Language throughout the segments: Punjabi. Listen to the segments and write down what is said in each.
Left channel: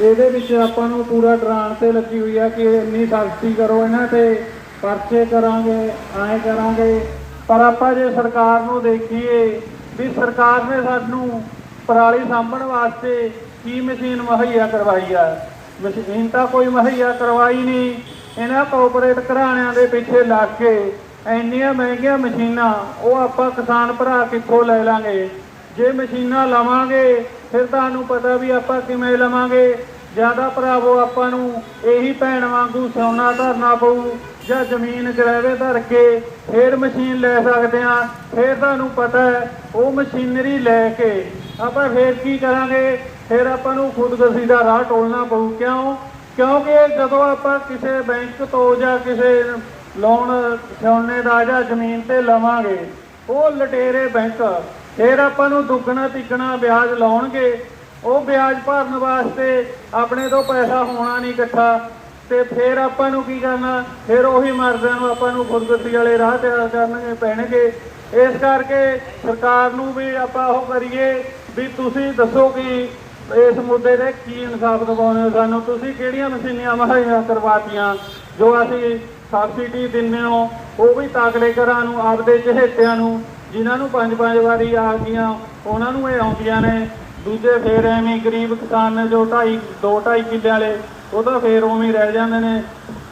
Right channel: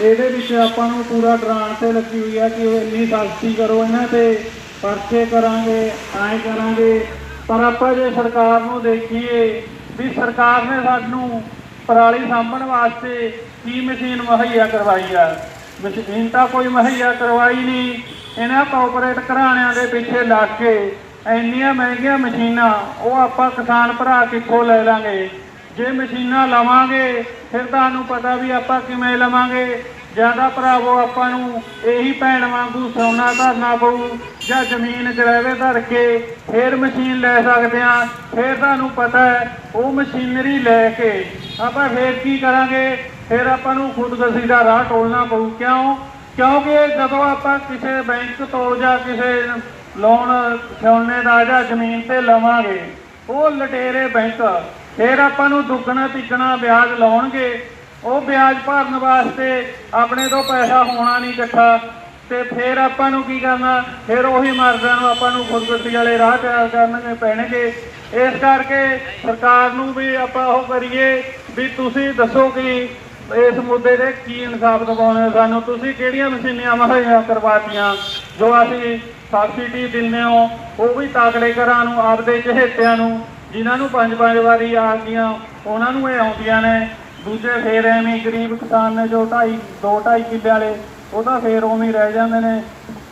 ਇਹਦੇ ਵਿੱਚ ਆਪਾਂ ਨੂੰ ਪੂਰਾ ਡਰਾਉਣ ਤੇ ਲੱਗੀ ਹੋਈ ਆ ਕਿ ਇੰਨੀ ਸਖਤੀ ਕਰੋ ਇਹਨਾਂ ਤੇ, ਪਰਚੇ ਕਰਾਂਗੇ, ਐਂ ਕਰਾਂਗੇ। ਪਰ ਆਪਾਂ ਜੇ ਸਰਕਾਰ ਨੂੰ ਦੇਖੀਏ ਵੀ ਸਰਕਾਰ ਨੇ ਸਾਨੂੰ ਪਰਾਲੀ ਸਾਂਭਣ ਵਾਸਤੇ ਕੀ ਮਸ਼ੀਨ ਮੁਹੱਈਆ ਕਰਵਾਈ ਆ? ਮਸ਼ੀਨ ਤਾਂ ਕੋਈ ਮੁਹੱਈਆ ਕਰਵਾਈ ਨਹੀਂ। ਇਹਨਾਂ ਕਾਰਪੋਰੇਟ ਘਰਾਣਿਆਂ ਦੇ ਪਿੱਛੇ ਲੱਗ ਕੇ ਇੰਨੀਆਂ ਮਹਿੰਗੀਆਂ ਮਸ਼ੀਨਾਂ ਉਹ ਆਪਾਂ ਕਿਸਾਨ ਭਰਾ ਕਿੱਥੋਂ ਲੈ ਲਾਂਗੇ? ਜੇ ਮਸ਼ੀਨਾਂ ਲਵਾਂਗੇ, ਫਿਰ ਤੁਹਾਨੂੰ ਪਤਾ ਵੀ ਆਪਾਂ ਕਿਵੇਂ ਲਵਾਂਗੇ। ਜ਼ਿਆਦਾ ਭਰਾਵੋ, ਆਪਾਂ ਨੂੰ ਇਹੀ ਭੈਣ ਵਾਂਗੂ ਸੋਨਾ ਧਰਨਾ ਪਊ, ਜਾਂ ਜ਼ਮੀਨ ਗਰੇਵੇ ਧਰ ਕੇ ਫੇਰ ਮਸ਼ੀਨ ਲੈ ਸਕਦੇ ਆ ਫੇਰ ਤੁਹਾਨੂੰ ਪਤਾ ਹੈ, ਉਹ ਮਸ਼ੀਨਰੀ ਲੈ ਕੇ ਆਪਾਂ ਫੇਰ ਕੀ ਕਰਾਂਗੇ? ਫਿਰ ਆਪਾਂ ਨੂੰ ਖੁਦਕੁਸ਼ੀ ਦਾ ਰਾਹ ਟੋਲਣਾ ਪਊ। ਕਿਉਂ? ਕਿਉਂਕਿ ਜਦੋਂ ਆਪਾਂ ਕਿਸੇ ਬੈਂਕ ਤੋਂ ਜਾਂ ਕਿਸੇ ਲੋਨ, ਸੋਨੇ ਦਾ ਜਾਂ ਜ਼ਮੀਨ ਤੇ ਲਵਾਂਗੇ, ਉਹ ਲਟੇਰੇ ਬੈਂਕ ਫਿਰ ਆਪਾਂ ਨੂੰ ਦੁੱਗਣਾ ਤਿੱਗਣਾ ਵਿਆਜ ਲਾਉਣਗੇ। ਉਹ ਵਿਆਜ ਭਰਨ ਵਾਸਤੇ ਆਪਣੇ ਤੋਂ ਪੈਸਾ ਹੋਣਾ ਨਹੀਂ ਇਕੱਠਾ। ਤੇ ਫਿਰ ਆਪਾਂ ਨੂੰ ਕੀ ਕਰਨਾ? ਫਿਰ ਉਹੀ ਮਰਦਾਂ ਨੂੰ ਆਪਾਂ ਨੂੰ ਖੁਦਕੁਸ਼ੀ ਵਾਲੇ ਰਾਹ ਤੇ ਕਰਨਗੇ ਪੈਣਗੇ। ਇਸ ਕਰਕੇ ਸਰਕਾਰ ਨੂੰ ਵੀ ਆਪਾਂ ਉਹ ਕਰੀਏ ਵੀ ਤੁਸੀਂ ਦੱਸੋ ਕਿ ਇਸ ਮੁੱਦੇ ਤੇ ਕੀ ਇਨਸਾਫ ਦਿਵਾਉਣੇ ਸਾਨੂੰ। ਤੁਸੀਂ ਕਿਹੜੀਆਂ ਮਸ਼ੀਨਾਂ ਮੁਹੱਈਆ ਕਰਵਾਤੀਆਂ? ਜੋ ਅਸੀਂ ਸਬਸਿਡੀ ਦਿੰਦੇ ਹੋ, ਉਹ ਵੀ ਤਾਕੜੇ ਘਰਾਂ ਨੂੰ, ਆਪਦੇ ਚਹੇਤਿਆਂ ਨੂੰ ਜਿਨ੍ਹਾਂ ਨੂੰ ਪੰਜ ਪੰਜ ਵਾਰੀ ਆ ਗਈਆਂ ਉਹਨਾਂ ਨੂੰ ਇਹ ਆਉਂਦੀਆਂ ਨੇ। ਦੂਜੇ ਫੇਰ ਐਵੇਂ ਗਰੀਬ ਕਿਸਾਨ ਨੇ ਜੋ ਢਾਈ, ਦੋ ਢਾਈ ਕਿੱਲੇ ਵਾਲੇ, ਉਹ ਤਾਂ ਫੇਰ ਉਵੇਂ ਰਹਿ ਜਾਂਦੇ ਨੇ।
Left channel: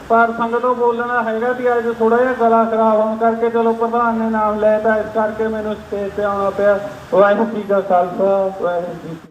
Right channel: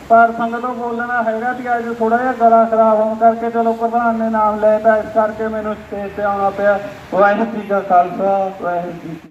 ਪਰ ਸੰਗਤੋਂ ਬੋਲਣਾ ਹੈਗਾ ਵੀ ਅੱਜ ਥੋੜਾ ਜਿਹਾ ਗਲਾ ਖਰਾਬ ਹੋਣ ਕਰਕੇ ਚਲੋ ਪ੍ਰਧਾਨ ਨੇ ਨਾਮ ਲੈ ਤਾਂ ਇਸ ਕਰਕੇ ਮੈਨੂੰ ਸਟੇਜ ਤੇ ਆਉਣਾ ਪਿਆ। ਵਾਹਿਗੁਰੂ ਜੀ ਕਾ ਖਾਲਸਾ, ਵਾਹਿਗੁਰੂ ਜੀ